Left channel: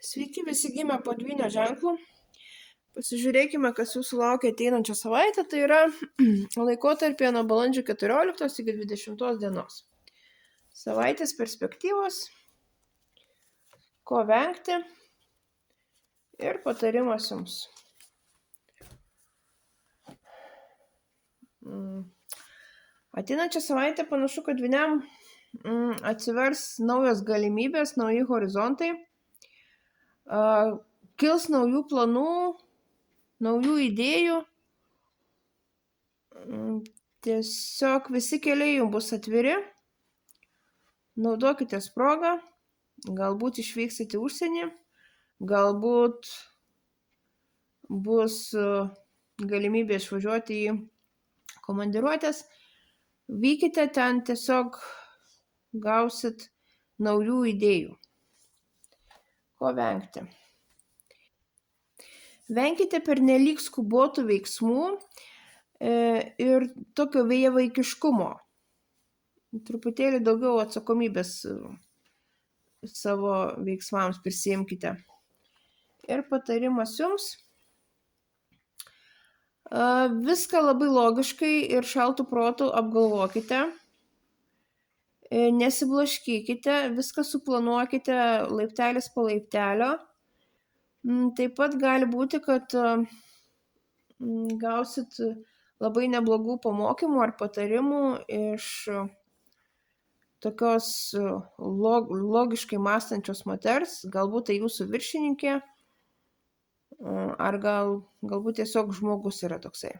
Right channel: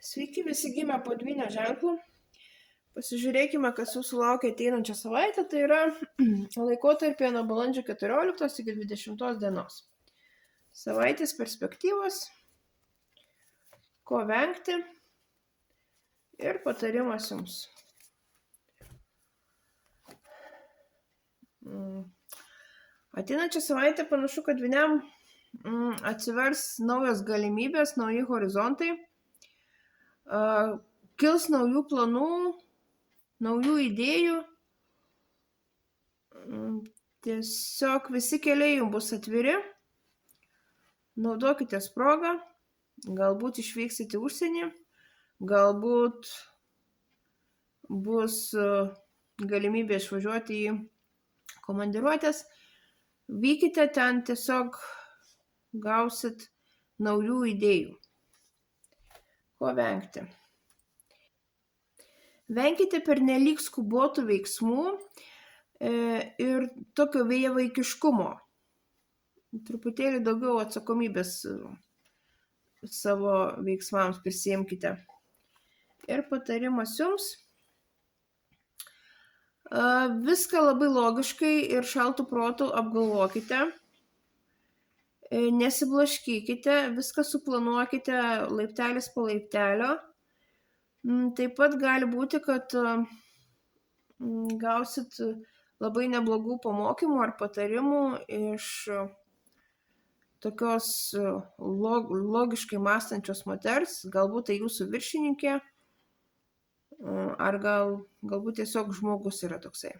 Sveiki visi gimę po dvynio ženklu. Pasižiūrėkime, kas jūsų laukia ateinančią savaitę, tai yra laikotarpį nuo balandžio 14 iki 20 dienos. Savaitės perspektyvos, ko vengti ir patarimas jums. Ateinančią savaitę panašu, kad dvyniam atsivers naujos galimybės, nauji horizontai, kils naujų planų, naujų idėjų. Tiesiog visi keliai jums bus atviri. Naudokitės progą. Galbūt išvyksit į užsienį. Galbūt bus galimybė išvažiuoti į komandiruotės. Vykite ten, tiesiog gausit naujų idėjų. Ko vengti? Venkite pernelyg skubotų veiksmų ir tokio vėjavaikiškumo. Truputėlį daugiau atsakomybės savo veiksmams prisiimkite. Ir patarimas jums. Viską labai logiškai ir šaltų protų apgalvokite. Nesiblaškykite, viską suplanuokite laiptelis po laiptelio. Taip pat gali būti, kad gausit labai neblogų pamokymų ar patarimų iš tokios logiškai mąstančios moters, galbūt tai jūsų viršininkė, ar galbūt tiesiog žmogus yra toksai.